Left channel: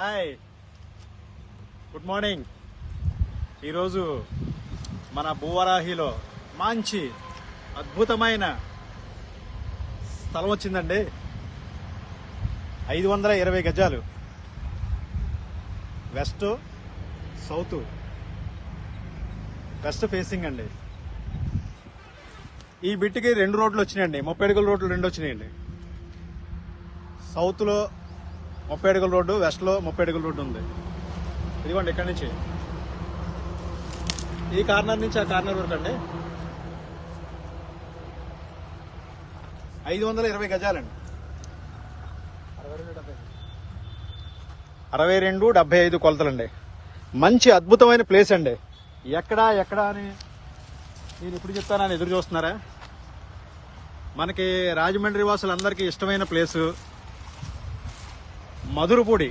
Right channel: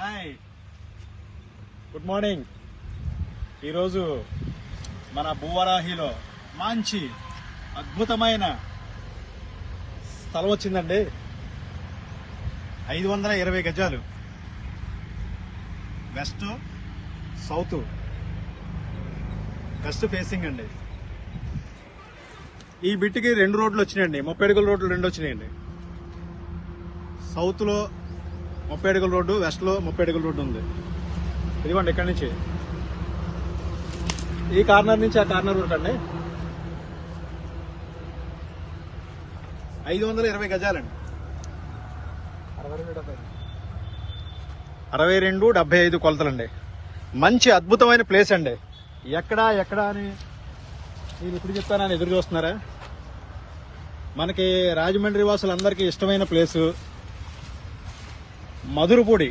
Hi, good morning. ఈరోజు మన భూవరాహిలో మంచి అద్భుతమైన స్థలం వచ్చిందండి. 520 గజాలు, వెస్ట్ సౌత్, వెస్ట్ ఫేసింగ్ అండి. ఈ బిట్కి 2 రోడ్లు వచ్చినాయండి, 30 అడుగుల రోడ్లు 2 వచ్చినాయండి. సౌత్ లో 30 అడుగుల రోడ్డు, వెస్ట్ లో 30 అడుగుల రోడ్డు ఉంది. ఇదిగోండి, ఇక్కడి నుంచి ఈ కార్నర్ నుంచి ఆ కార్నర్ వరకు అండి 520 గజాలండి. 62-75 కొలతలండి. మంచి అద్భుతమైన ప్లేస్ అండి. ఎక్కడా అని నేను ఇప్పుడు చెప్తానని ఎదురు చూస్తున్నారా? మనకి రాజమండ్రి వాసులందరికీ ఇష్టమైన ప్లేసు మధురపూడి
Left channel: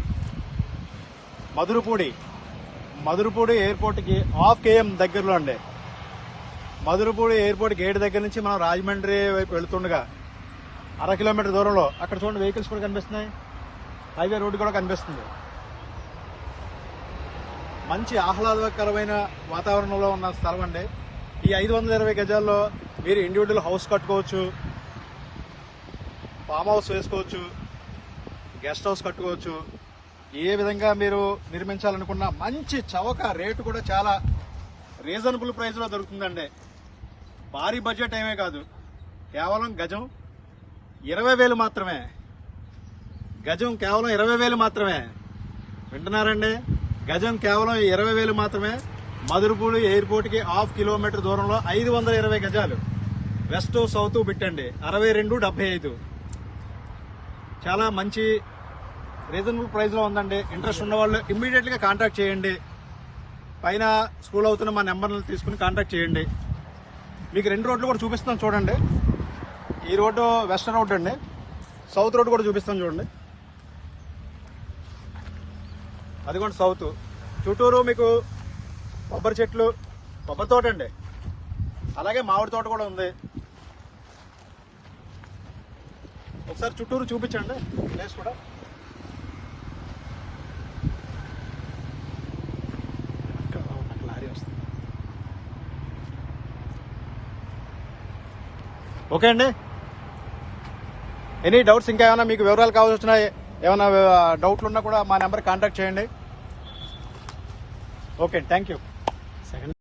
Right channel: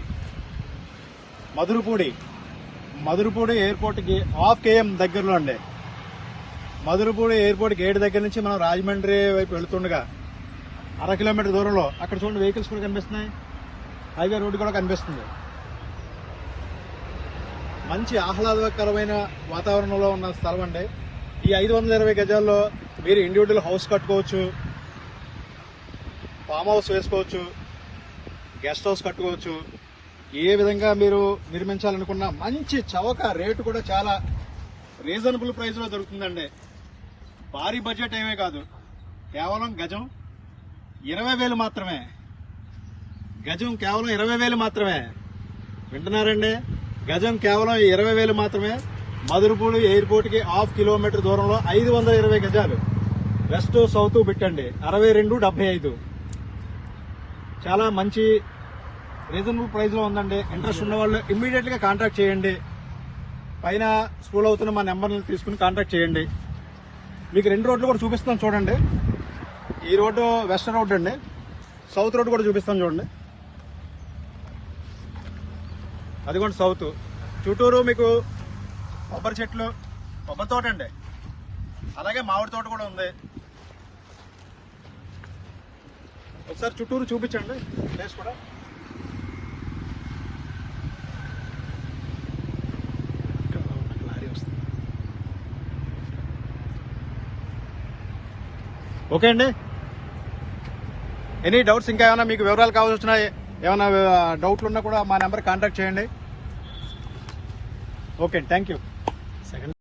ఎయిర్పోర్ట్కి 1/2 km దగ్గరలో అండి. మధురపూడి ఎయిర్పోర్ట్ గేట్ దగ్గర నుంచి మనం రాజమండ్రి వైపు వెళుతుండగా 1/2 కిలోమీటర్ దూరంలో అక్కడ చూడండి, వెహికల్స్ కూడా కనిపిస్తున్నాయి, హైవే రోడ్డు కూడా కనిపిస్తుంది. మంచి ఆహ్లాదకరమైన వాతావరణంలో ఉన్న స్థలం అండి. ఈ 520 గజాల్లో మీరు ఇండివిజువల్ హౌస్ కట్టుకోవచ్చు, ఫామ్ హౌస్ వేసుకోవచ్చు, గెస్ట్ హౌస్ కట్టుకోవచ్చు. ఏ విధంగా మీరు నిర్మించాలనుకున్న మంచి చవక రేటు కూడా చాలా రీజనబుల్ ప్రైస్ లో దొరుకుతుందండి. భారీ బడ్జెట్ ఏమీ కాదు, కేవలం గజం 20,000 మాత్రమే. గజం కేవలం 20,000 మాత్రమే. వింటున్నారండి? గజం కేవలం 20,000 మాత్రమే. మధురపూడి ఎయిర్పోర్ట్ కి 1/2 కిలోమీటర్ దూరంలో 520 గజాలు, వెస్ట్ సౌత్ బిట్టండి. 62-75, చాలా మంచి రీజనబుల్ ప్రైస్ లో ఉందండి. ఇంట్రెస్ట్ ఉన్న వాళ్ళు ఇమ్మీడియట్ గా కాంటాక్ట్ చేయండి. పైన స్కూల్ అవుతున్న మా నెంబర్లు తీసుకుని కాంటాక్ట్ చేయండి. మీకు 2 రోడ్లు కూడా చూపిస్తాను చూడండి. ఈ రోడ్డు వెస్ట్ రోడ్ అండి, సౌత్ రోడ్ కూడా చూపిస్తాను చూడండి. అదిగోండి సౌత్. చుట్టూరు మీకు కొబ్బరి చెట్లు, కొబ్బరి తోట అండి, అలాగే మామిడి తోట కూడా ఉంది. ఒకసారి చుట్టూరు చూపించండి ప్లేస్ కూడా. ఓకే అండి. ఎనీ డౌట్స్, ఇంకా ఏమైనా మీకు వివరాలు కావాల్సి వచ్చినా, ఏమైనా డౌట్లు ఉన్నా కూడా మా నెంబర్ కాంటాక్ట్ చేయండి. Okay, thank you.